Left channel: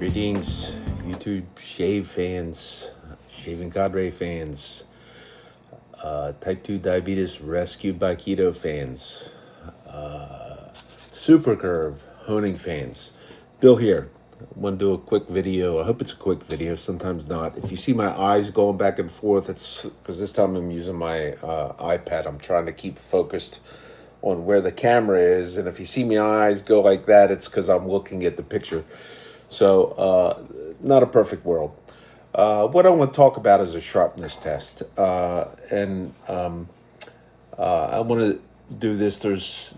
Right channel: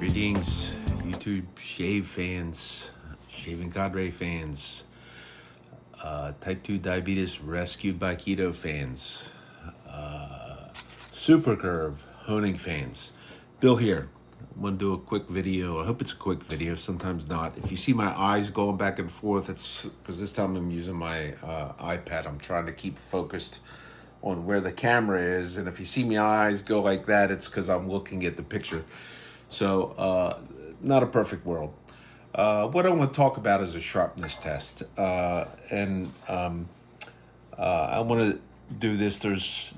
Greetings, YouTube shave fans, shaving cadre fans, type 2 diabetes rescued by keto fans, super curve honing fans. Bill here. I want to do a quick video. I hope it's a quick video, sometimes not. If you see my eyes going back and forth, it's because this time I'm using my iPad. I'm trying to keep focused on where the camera is, and if you see my eyes go like that, it's because I'm looking at the picture. So, not a perfect world. What I want to talk about is a sharpness test. I want to do this. There's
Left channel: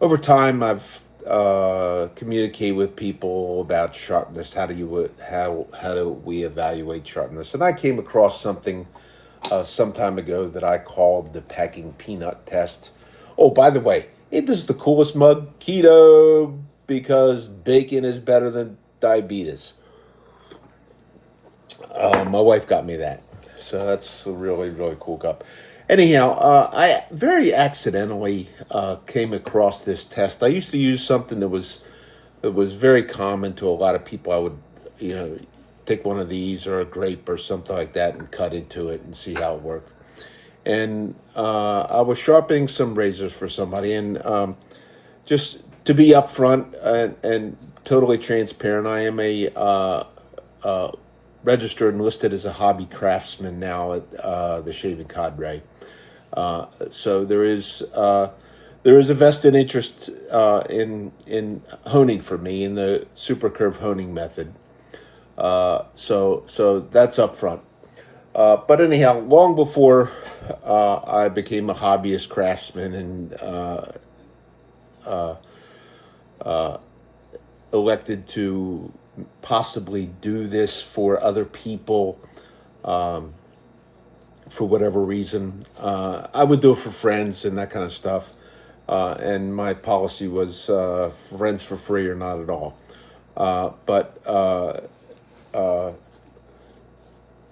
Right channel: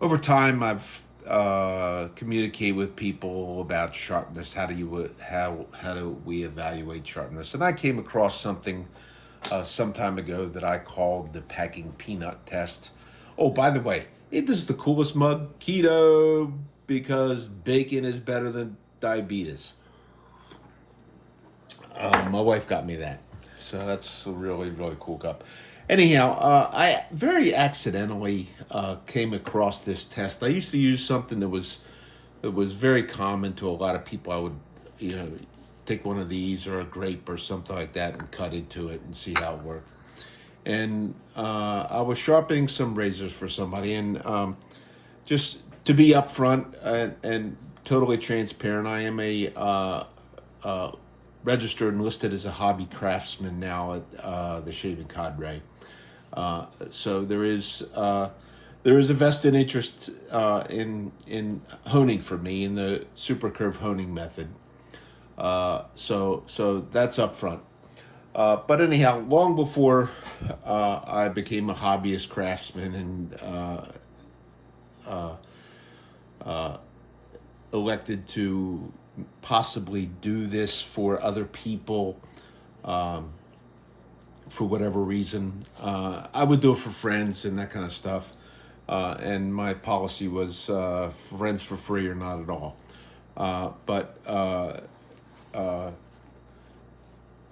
over time, I've communicated with people about sharpness. How do we evaluate sharpness? And I came across something some time ago that I called the packing peanut test. Oh, by the way, this is the coolest mug, keto, because bacon is better than diabetes. My wife got me that, so that's a really, really cool cup. Anyhow, I very accidentally came across this test. I used to use something that was very common to a lot of people. I would, take one of these or a grape or something like that and cut into it and see how it worked. And I was sharpening some razors for somebody, and just to be upfront and totally transparent, I am a registered and listed as a hobby craftsman now at the Shaving Cadre. So there is a vested interest in honing for me in the super curve honing method. So that's upfront. But anyhow, long before I became a hobbyist craftsman and elected to possibly do this for other people for whatever reason, I would do it for friends and that kind of stuff. And my policy was friends for free or not at all.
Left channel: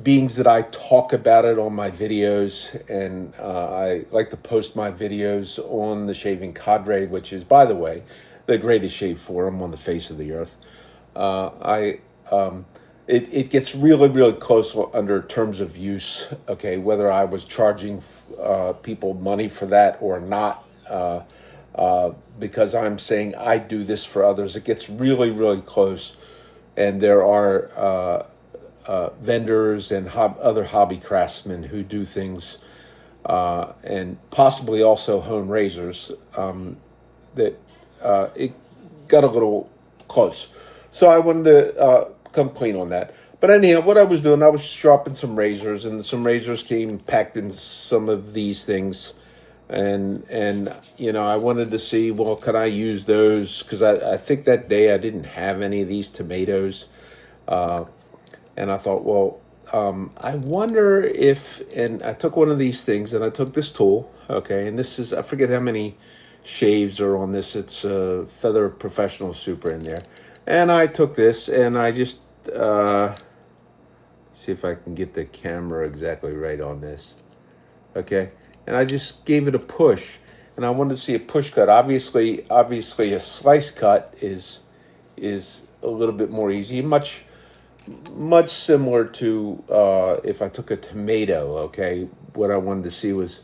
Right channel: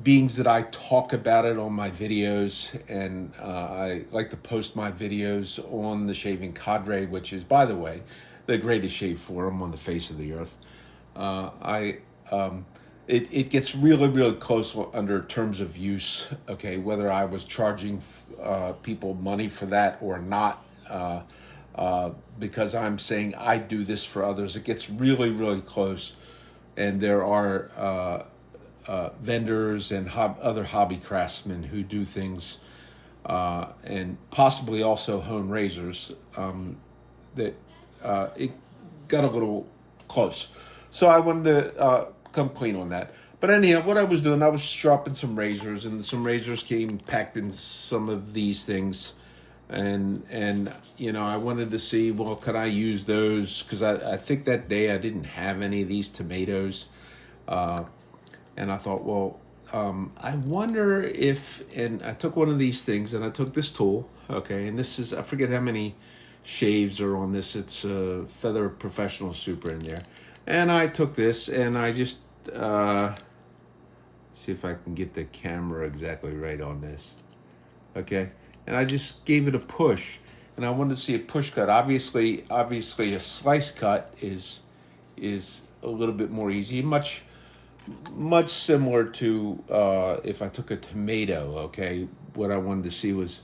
Being that I talk about it on my videos, and I like to post my videos on the Shaving Cadre, which is, by the way, the greatest shave forum on the face of the earth. It gets really, really close under terms of use, okay, whether I was charging people money for that or not, because I'm saying I do this for others. It gets really, really close, and there are vendors and other hobby craftsmen who do things and possibly also hone razors that it got a little close. So I wanted to come clean on that. But anyhow, what I was doing, I was sharpening some razors, and some razors came packed in some of these things. And I wanted to see, well, could I use those? Because I think that day I didn't have any of these tomatoes. And I thought, well, I wonder if, and I took one of these things and I took this tool, okay, and this is, I forget how many shaves are on this. It's a Feather Professional Super in there. And I took this and I just, see if I can get the camera exactly right on this, okay, and I just gave it a push, and I wanted to see a push cut. Obviously a slice cut is a little bit more easy, much similar to if I took a tomato, okay. What I wanted to see was,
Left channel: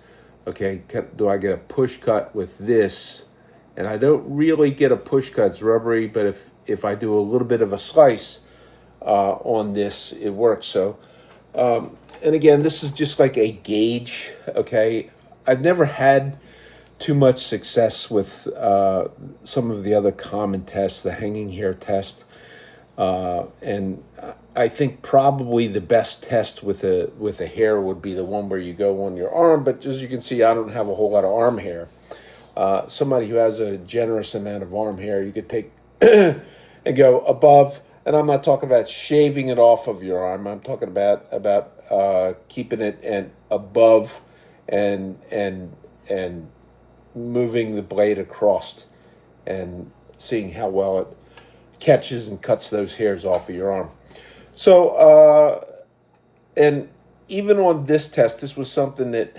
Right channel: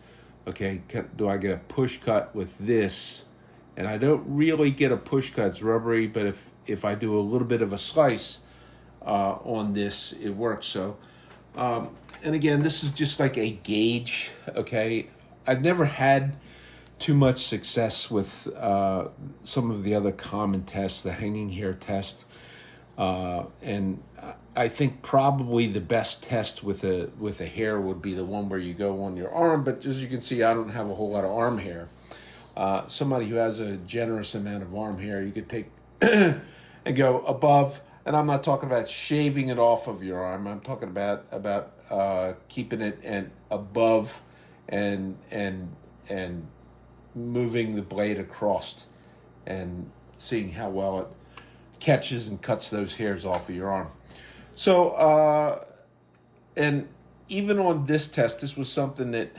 okay, do I get a push cut with this? And I don't really get a push cut, it's rubbery, but if I do a little bit of a slice on this, it works. So, and again, this is just like a gauge, okay. I've never had too much success with some of the other common tests, the hanging hair test. And I think probably the best test with a hair would be the one where you go on your arm, but as you can see, I don't have a whole lot of arm hair. Somebody who has a generous amount of arm hair, you could take and go above, and I'm not talking about shaving it off of your arm. I'm talking about keeping it above and moving the blade across and seeing how well it catches and cuts those hairs off of your arm. So, and even on this test, this was something that,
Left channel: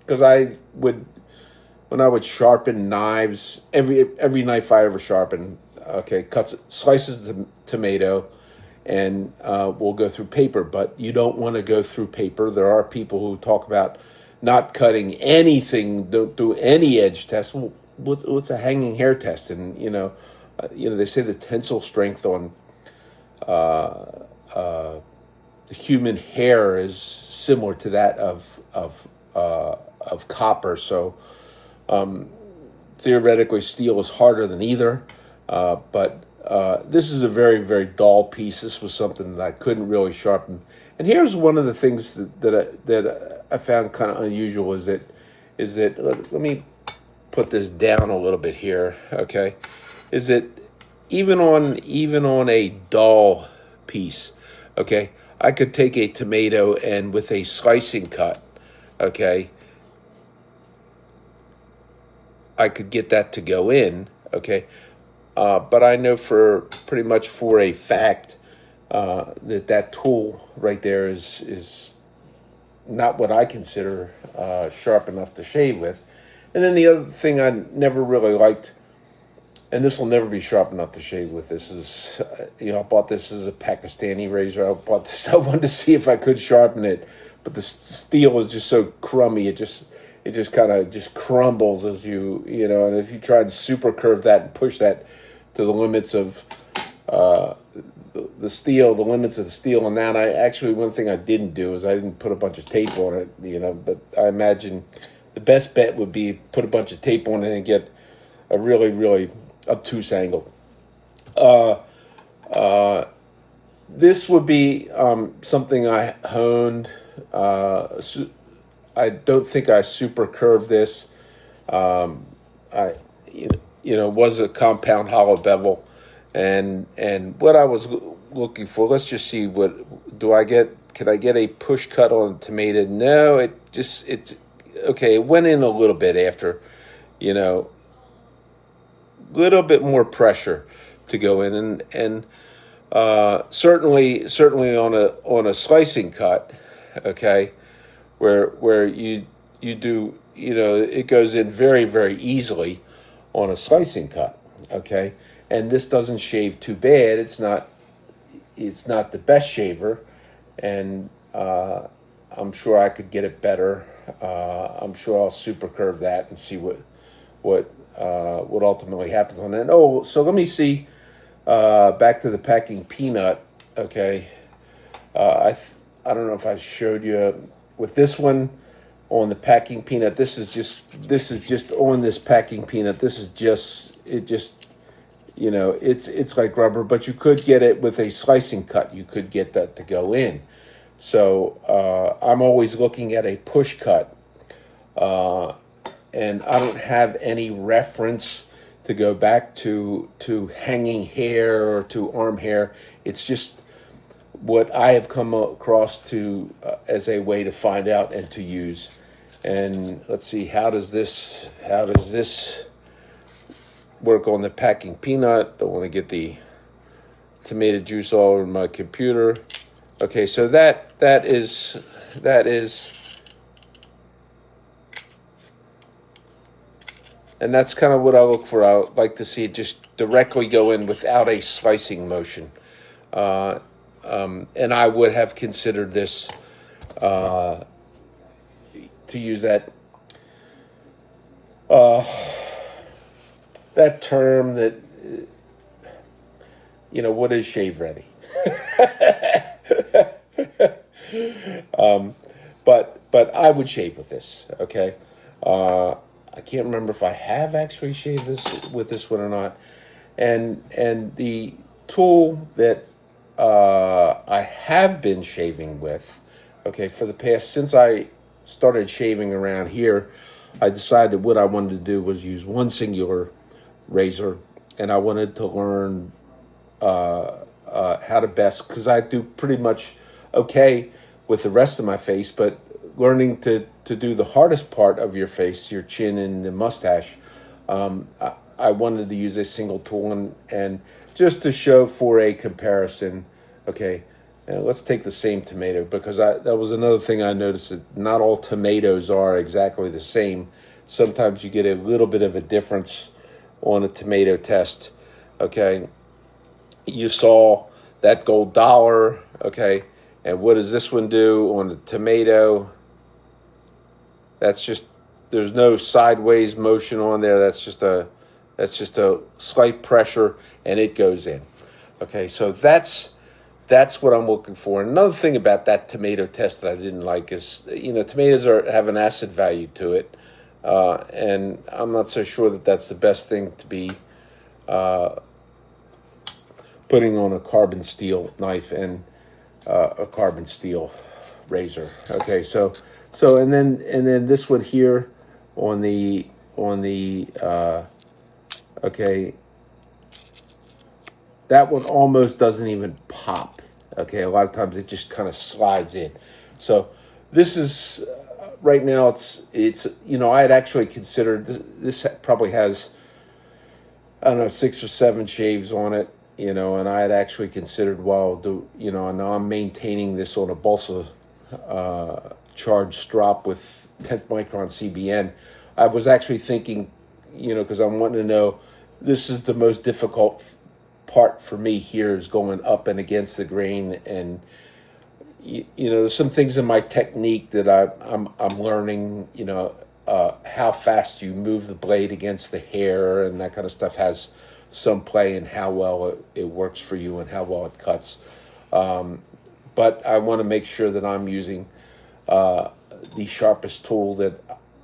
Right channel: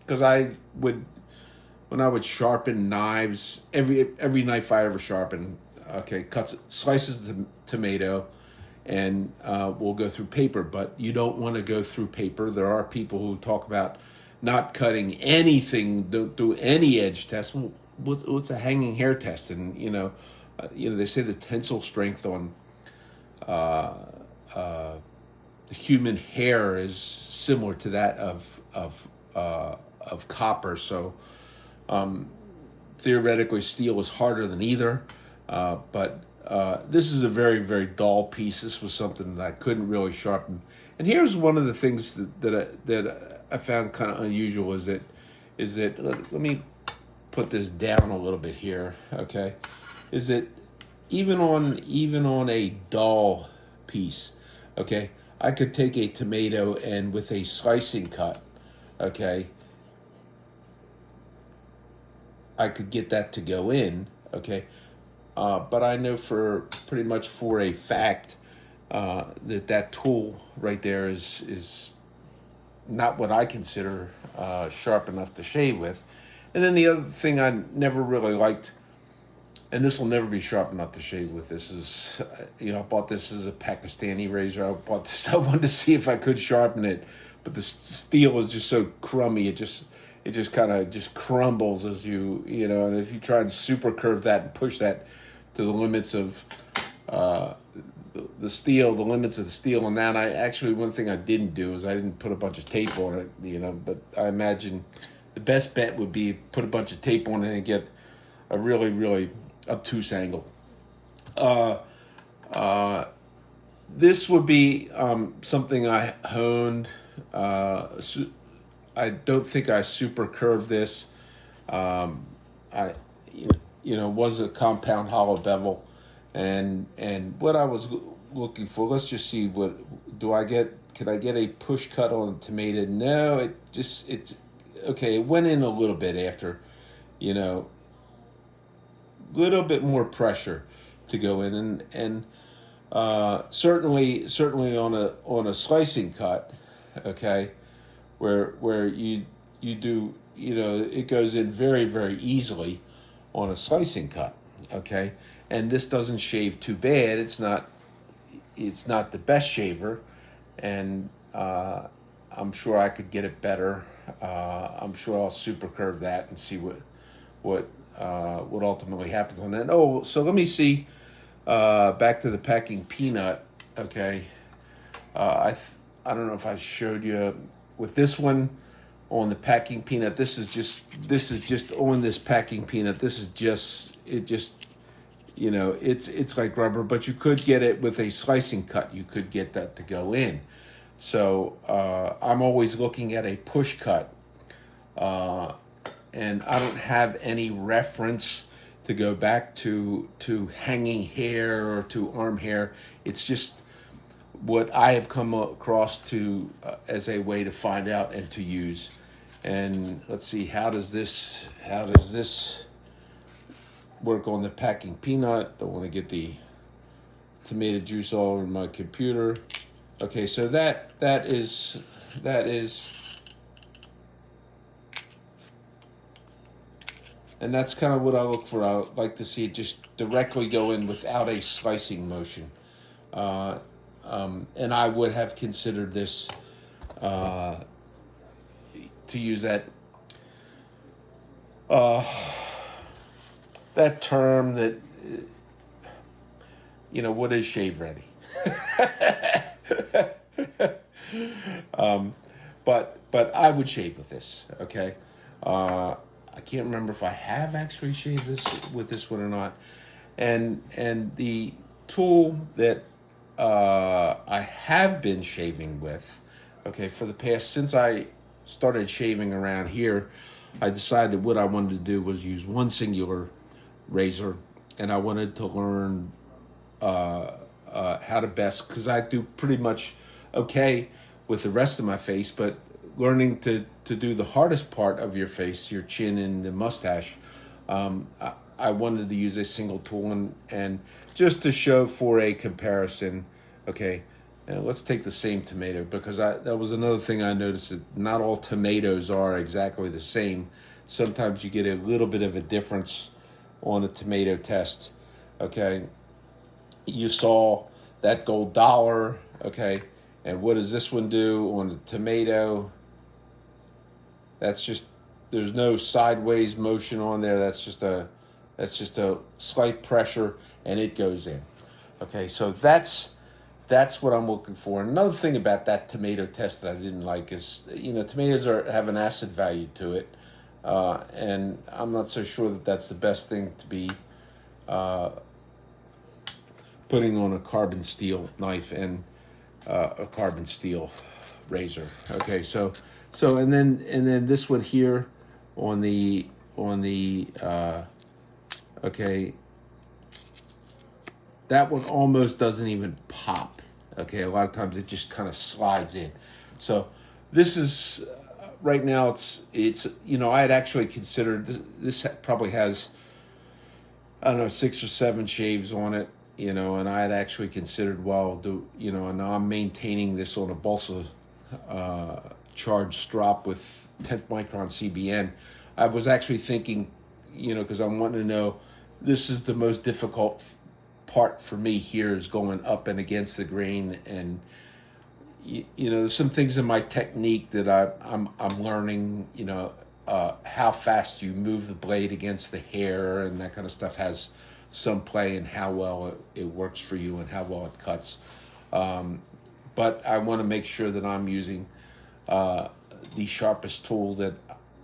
because I would when I would sharpen knives, every knife I ever sharpened, okay, slices the tomato, and we'll go through paper. But you don't want to go through paper. There are people who talk about not cutting anything, don't do any edge test. Well, what's a hanging hair test? And they say the tensile strength on the human hair is similar to that of copper. So theoretically, steel is harder than either. But this is a very, very dull piece. This was something that I couldn't really sharpen. And here's one of the things that I found kind of unusual is that let me put this down a little bit here, okay? Is that even on a dull piece, okay, I could take a tomato and with a slicing cut, okay, I could get that to go in, okay? But I know pretty much for a fact that tool right there is not what I consider sharp enough to shave with. And then the other thing I never really liked, and this will never be sharp enough to shave with, this is, I bought this as a Pakistani razor. I wanted to see if I could sharpen it, but the steel is just so crummy. It just kind of just crumbles as and if you try to super curve that and push that to the limits of the steel, and that one thing I didn't do is I didn't put a bunch of tape on it, but I imagine the best bet would be put a bunch of tape on it and get a really, really obtuse angle. This would be something I honed. I don't think I super curved this. Was a compound hollow bevel, and what I was looking for. Let's just see what do I get. Could I get a push cut on tomato? No, it's okay. It went in a little bit after, little bit more pressure to go in, and certainly on a slicing cut, okay, where you do, it goes in very, very easily on a slicing cut, okay, and this doesn't shave too bad. It's not the best shaver, and I'm sure I could get it better. I'm sure I'll super curve that and see what ultimately happens on that. Oh, so let me see. Back to the packing peanut. Okay, I don't know if I showed you with this one on the packing peanut. This is just on this packing peanut. This is just it's like rubber, but you could get it with a slicing cut. You could get that to go in. So I'm always looking at a push cut, and I don't have any reference to go back to hanging hair or to arm hair. It's just what I have come across to as a way to find out and to use. And let's see, how does this work on the packing peanut? Don't want to get the tomato juice all over my computer. Okay, so that is, and that's kind of what I look for. I would like to see it just directly go in without a slicing motion. And I would have considered this to use that term that, what is shave ready? But I would shave with this, okay? I can't remember if I have actually shaved this with this one or not. And the tool that I have been shaving with, okay, for the past, since I started shaving around here, I decided what I wanted to do was use one singular razor, and I wanted to learn how to best, because I do pretty much okay with the rest of my face, but learning to do the hardest part of your face, your chin and the mustache, I wanted to use a single tool, and just to show for a comparison, okay, let's take the same tomato, because that was another thing I noticed, that not all tomatoes are exactly the same. sometimes you get a little bit of a difference on a tomato test. Okay, you saw that gold dollar. Okay, and what does this one do on the tomato? That's just, there's no sideways motion on there. That's just a slight pressure and it goes in. Okay, so that's what I'm looking for. Another thing about that tomato test that I didn't like is, tomatoes have an acid value to it, and I'm not so sure that that's the best thing to be putting on a carbon steel knife and a carbon steel razor. Okay, so and then this one here on the okay, that one almost doesn't even pop. Okay, a lot of times it just kind of slides in. So this is right now it's I had actually considered this probably has, I don't know, 6 or 7 shaves on it, and I had actually considered, well, and now I'm maintaining this on a balsa charged strop with 10th micron CBN. I was actually thinking, because I'm wanting to know, this is the most difficult part for me here, is going up and against the grain, and there's some things in my technique that I'm learning. How fast you move the blade against the hair and that kind of stuff has some play in how well it works for you and how well it cuts. But I want to make sure that I'm using the sharpest tool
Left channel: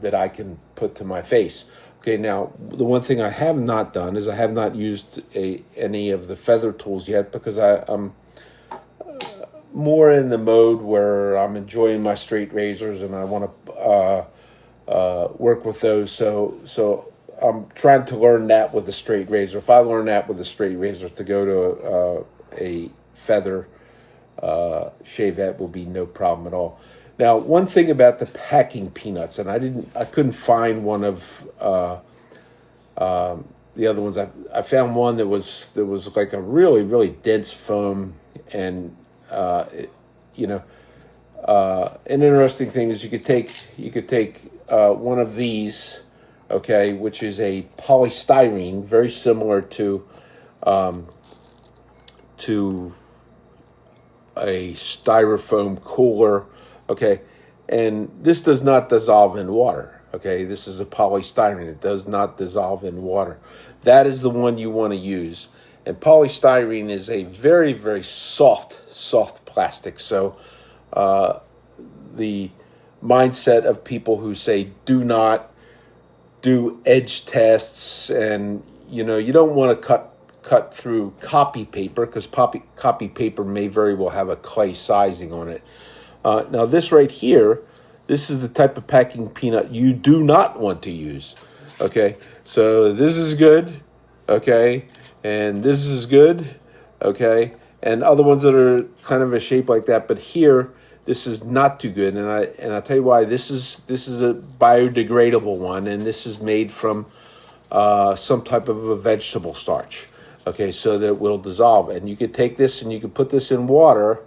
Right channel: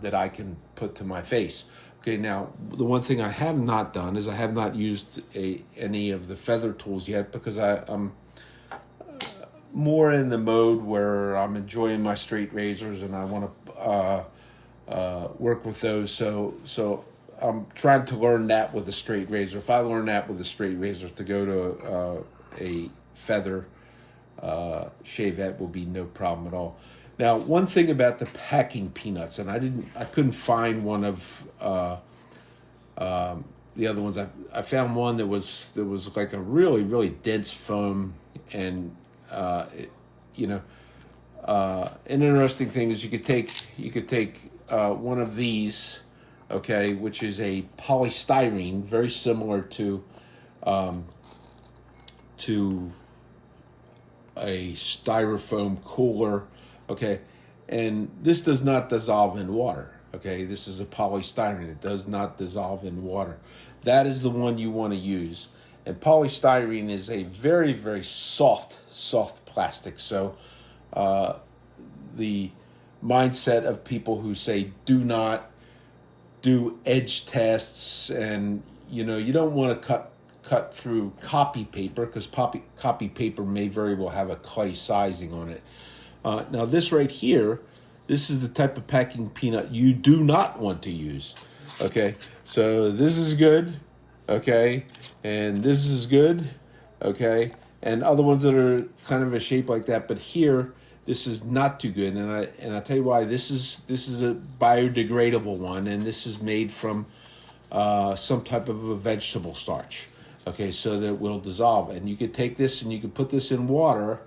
that I can put to my face. Okay, now the one thing I have not done is I have not used any of the feather tools yet, because I'm more in the mode where I'm enjoying my straight razors and I want to work with those. So I'm trying to learn that with a straight razor. If I learn that with a straight razor, to go to a feather shavette will be no problem at all. Now, one thing about the packing peanuts, and I couldn't find one of the other ones. I found one that was like a really, really dense foam, and an interesting thing is you could take one of these, okay, which is a polystyrene, very similar to a styrofoam cooler. Okay, and this does not dissolve in water. Okay, this is a polystyrene. It does not dissolve in water. That is the one you want to use. And polystyrene is a very, very soft plastic. So the mindset of people who say do not do edge tests, and you don't want to cut through copy paper, because copy paper may very well have a clay sizing on it. Now this right here, this is the type of packing peanut you do not want to use. Okay, so this is good, okay, and this is good, okay, and other ones that are kind of a shape like that, but here this is not too good, and I'll tell you why. This is a biodegradable one, and this is made from some type of a vegetable starch. Okay, so that it will dissolve, and you could take this and you could put this in water,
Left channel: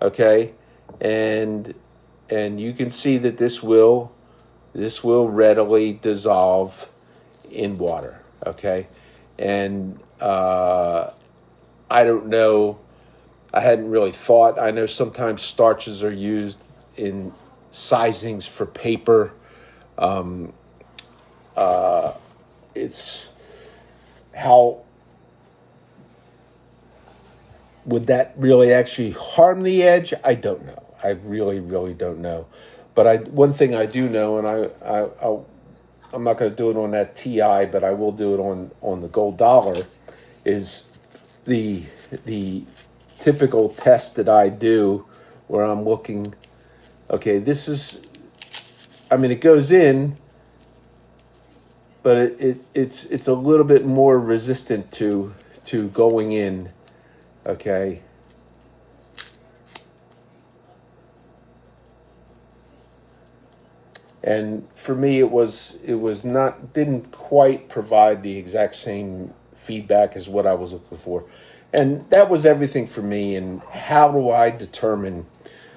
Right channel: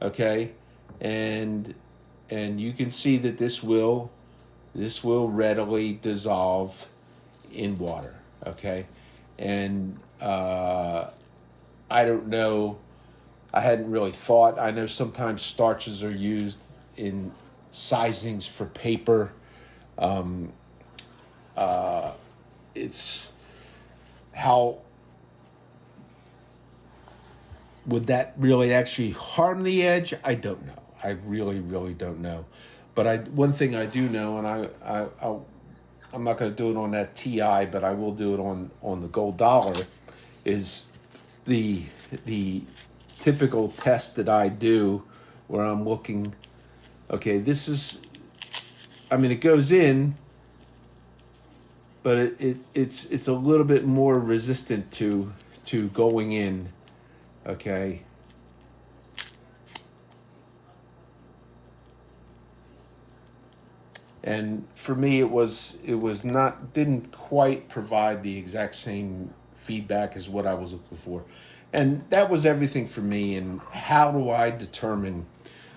okay, and you can see that this will readily dissolve in water. Okay, and I don't know, I hadn't really thought. I know sometimes starches are used in sizings for paper. It's how would that really actually harm the edge? I don't know. I really, really don't know. But one thing I do know, and I'm not going to do it on that TI, but I will do it on the gold dollar, is the typical test that I do, where I'm looking. Okay, this is, I mean, it goes in, but it's a little bit more resistant to going in. Okay. And for me, it didn't quite provide the exact same feedback as what I was looking for. And that was everything for me. And how do I determine,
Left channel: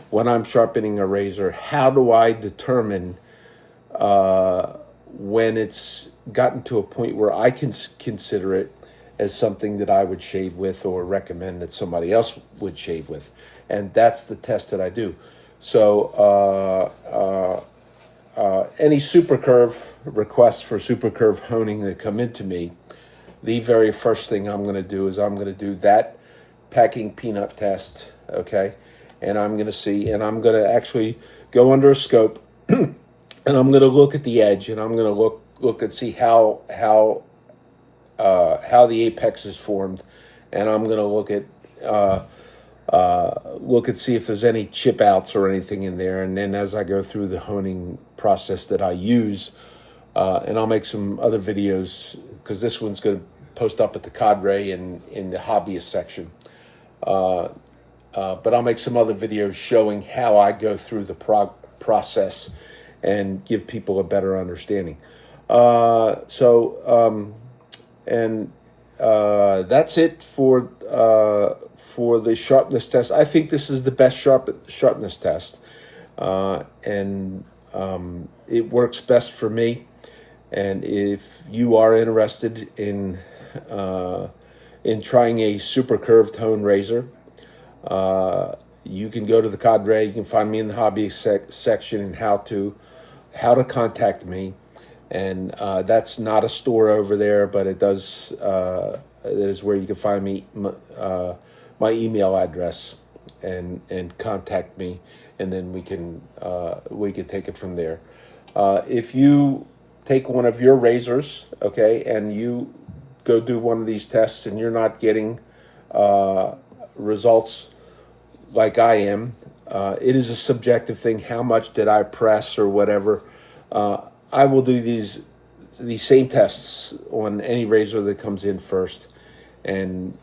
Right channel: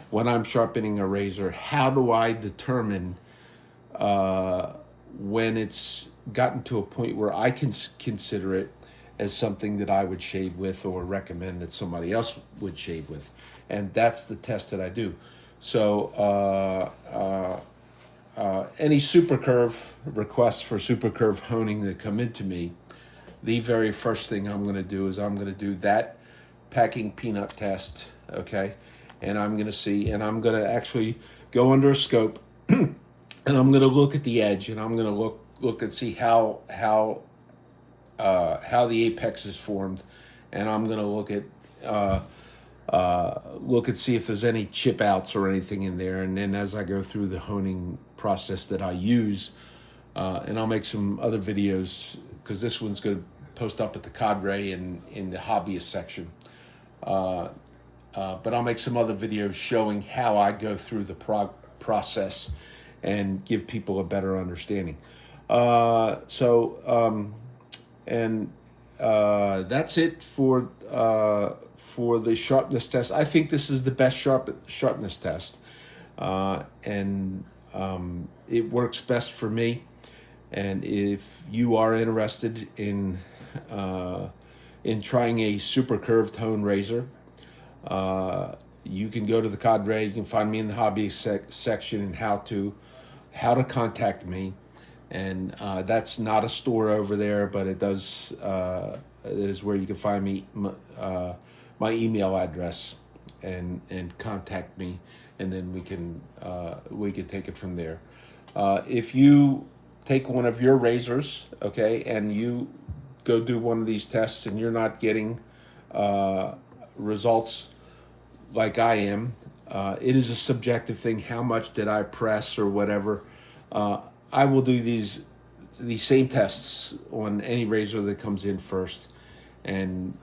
when I'm sharpening a razor, how do I determine when it's gotten to a point where I can consider it as something that I would shave with or recommend that somebody else would shave with. And that's the test that I do. So any super curve requests for super curve honing that come into me, the very first thing I'm going to do is I'm going to do that packing peanut test, okay? And I'm going to see, and I'm going to actually go under a scope and I'm going to look at the edge, and I'm going to look and see how the apex is formed, and I'm going to look and see if there's any chip outs or anything in there. And then as I go through the honing process that I use, and I'll make some other videos, because this one's going to post up at the cadre and in the hobbyist section. But I'll make some other videos showing how I go through the process and give people a better understanding. That's it for the sharpness test. I think this is the best sharpness test, and it works best for me. And if you are interested in trying a super curved hone razor, you can go to the cadre. You can find me in the hobby section and how to contact me. And that's not a store over there, but it does. That is where you can find me, my email address, and contact me, and then we can take it from there. If you take one of your razors, okay, and you go do one of these tests and you're not getting results like I am, it is a subjective thing. How much did I press or whatever? I will do these same tests on any razor that comes in first, and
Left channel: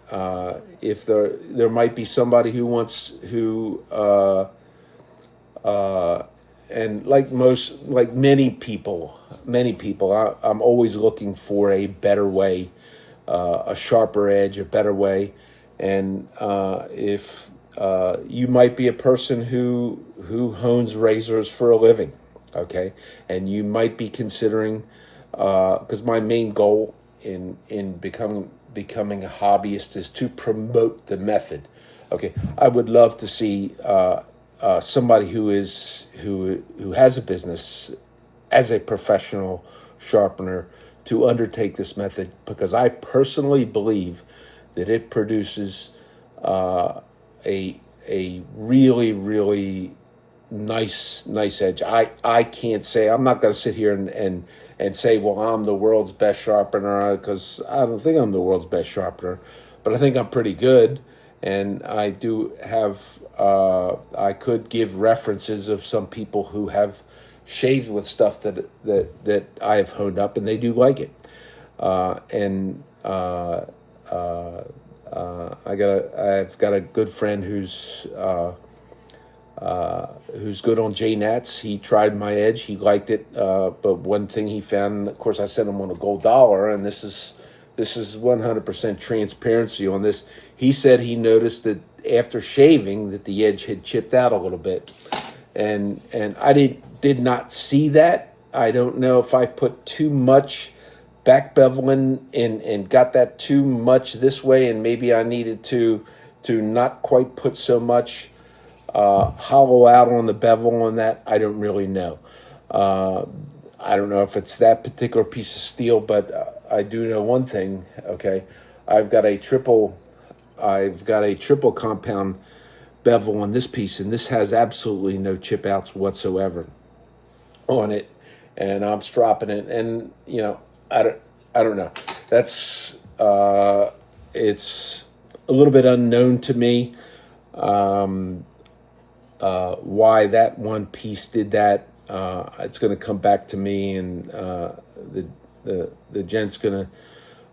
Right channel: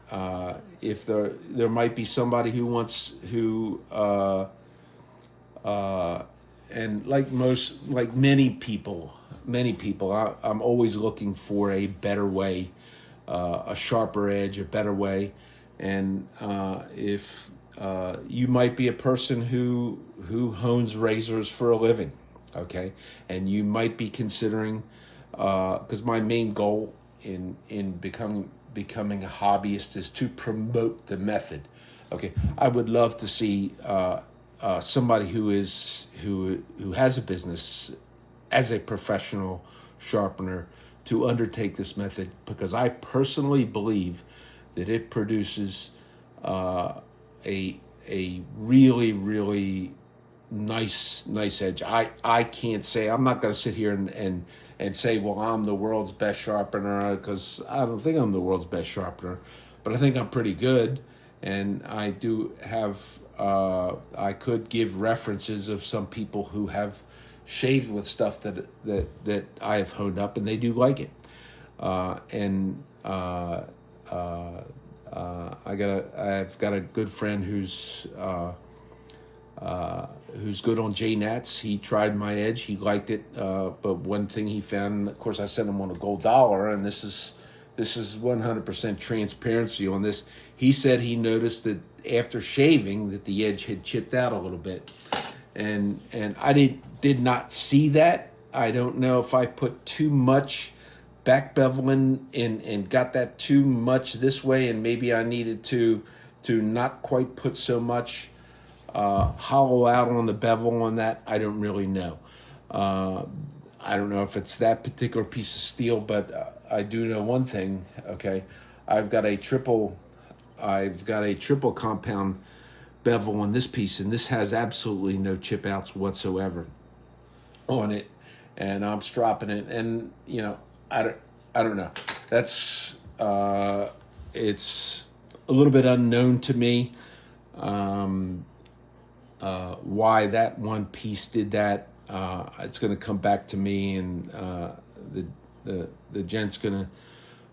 if there might be somebody who and like many people, I'm always looking for a better way, a sharper edge, a better way. And if you might be a person who hones razors for a living, okay, and you might be considering, because my main goal in becoming a hobbyist is to promote the method. Okay, I would love to see somebody who has a business as a professional sharpener to undertake this method, because I personally believe that it produces a really, really nice edge. I can't say, I'm not going to sit here and say, well, I'm the world's best sharpener, because I don't think I'm the world's best sharpener, but I think I'm pretty good. And I do have, I could give references of some people who have shaved with stuff that I have honed up, and they do like it. I've got a good friend who's good on J-Nats. He tried my edge, he liked it, but one thing he found, of course, I sent him on a gold dollar, and this is 100% transparency on this. He said he noticed that after shaving that the edge had chipped out a little bit, and I did not see that. I don't know if I put too much back beveling and got that too much this way, and maybe I needed to not quite put so much hollow out on the bevel on that. I don't really know. I don't know if it's that particular piece of steel, but I do know one thing. Okay, I've got a triple compound bevel on this piece, and this has absolutely no chip outs whatsoever on it, and I'm stropping it, and I don't know. That's it's a little bit unknown to me why that one piece did that. It's going to come back to me, and the gent's going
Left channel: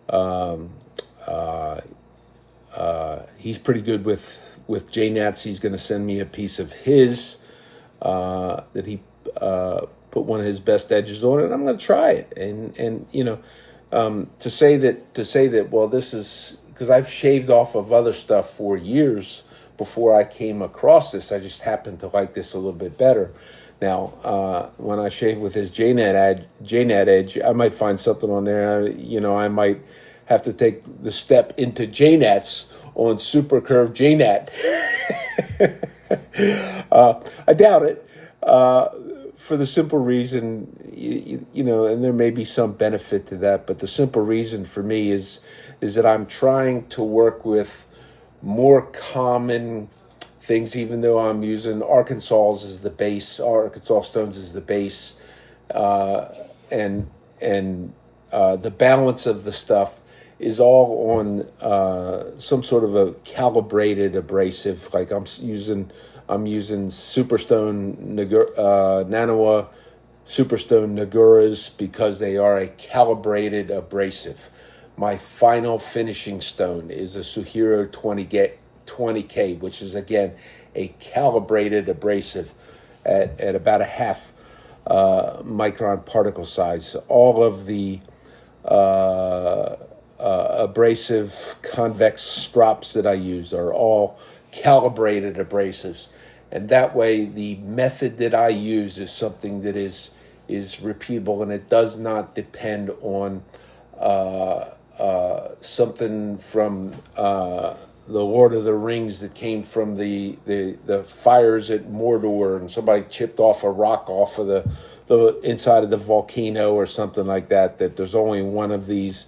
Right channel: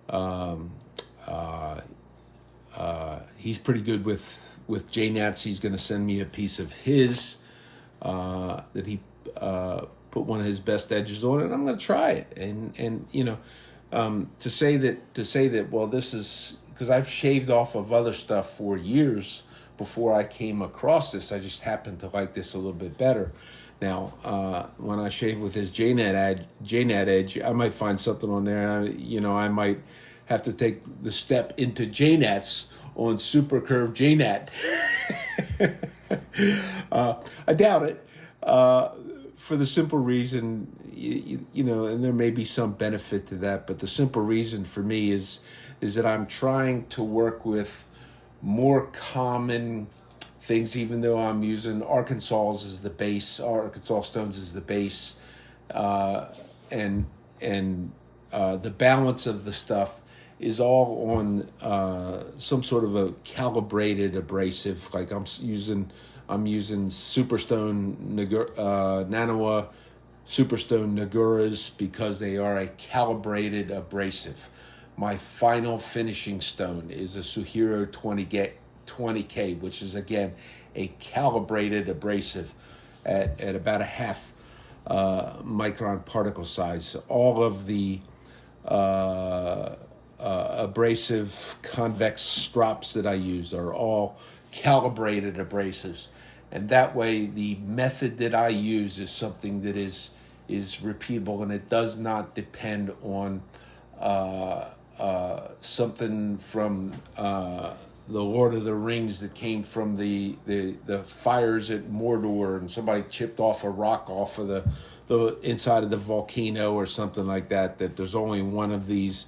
to he's pretty good with J-Nats. He's going to send me a piece of his that he put one of his best edges on, and I'm going to try it. And to say that, well, this is because I've shaved off of other stuff for years before I came across this. I just happened to like this a little bit better. Now, when I shave with his JNet edge, I might find something on there. I might have to take the step into JNets on super curved JNet. I doubt it, for the simple reason, and there may be some benefit to that, but the simple reason for me is that I'm trying to work with more common things, even though I'm using Arkansas stones as the base, and the balance of the stuff is all on some sort of a calibrated abrasive. Like I'm using Superstone Nanoa Superstone Naguras because they are a calibrated abrasive. My final finishing stone is a Suhiro 20K, which is again a calibrated abrasive at about a half micron particle size. All of the abrasive convex strops that I use are all calibrated abrasives, and that way the method that I use is something that is repeatable, and it does not depend on something from the Lord of the Rings that came from the fires at Mordor, and somebody chipped off a rock off of the inside of the volcano or something like that, that there's only one of these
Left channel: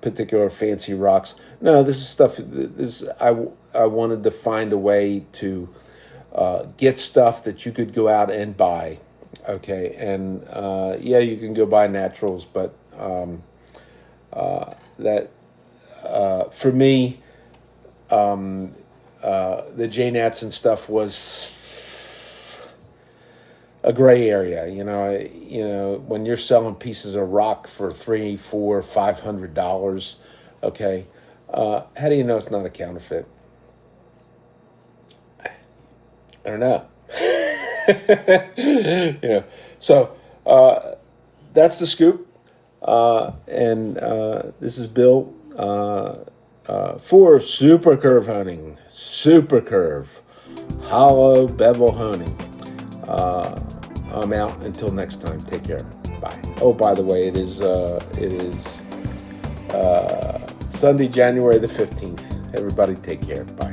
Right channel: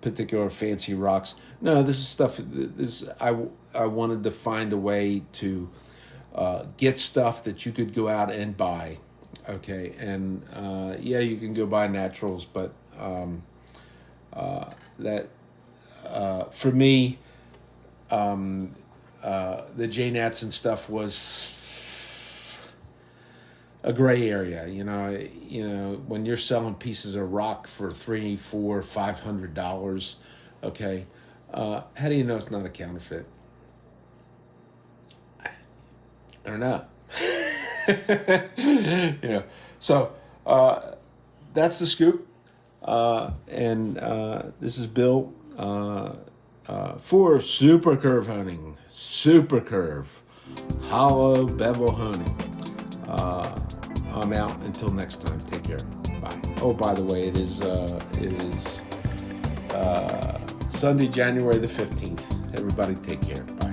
particular fancy rocks. No, this is stuff. I wanted to find a way to get stuff that you could go out and buy. Okay, and yeah, you can go buy naturals, but for me, the JNats and stuff was a gray area. When you're selling pieces of rock for $300, $400, $500, okay, how do you know it's not a counterfeit? I don't know. So that's the scoop, and this is Bill for Super Curve Hunting, Super Curve, Hollow Bevel Hunting. I'm out until next time. Take care. Bye. Oh, by the way, it is Sunday, January the 15th. Everybody take care. Bye.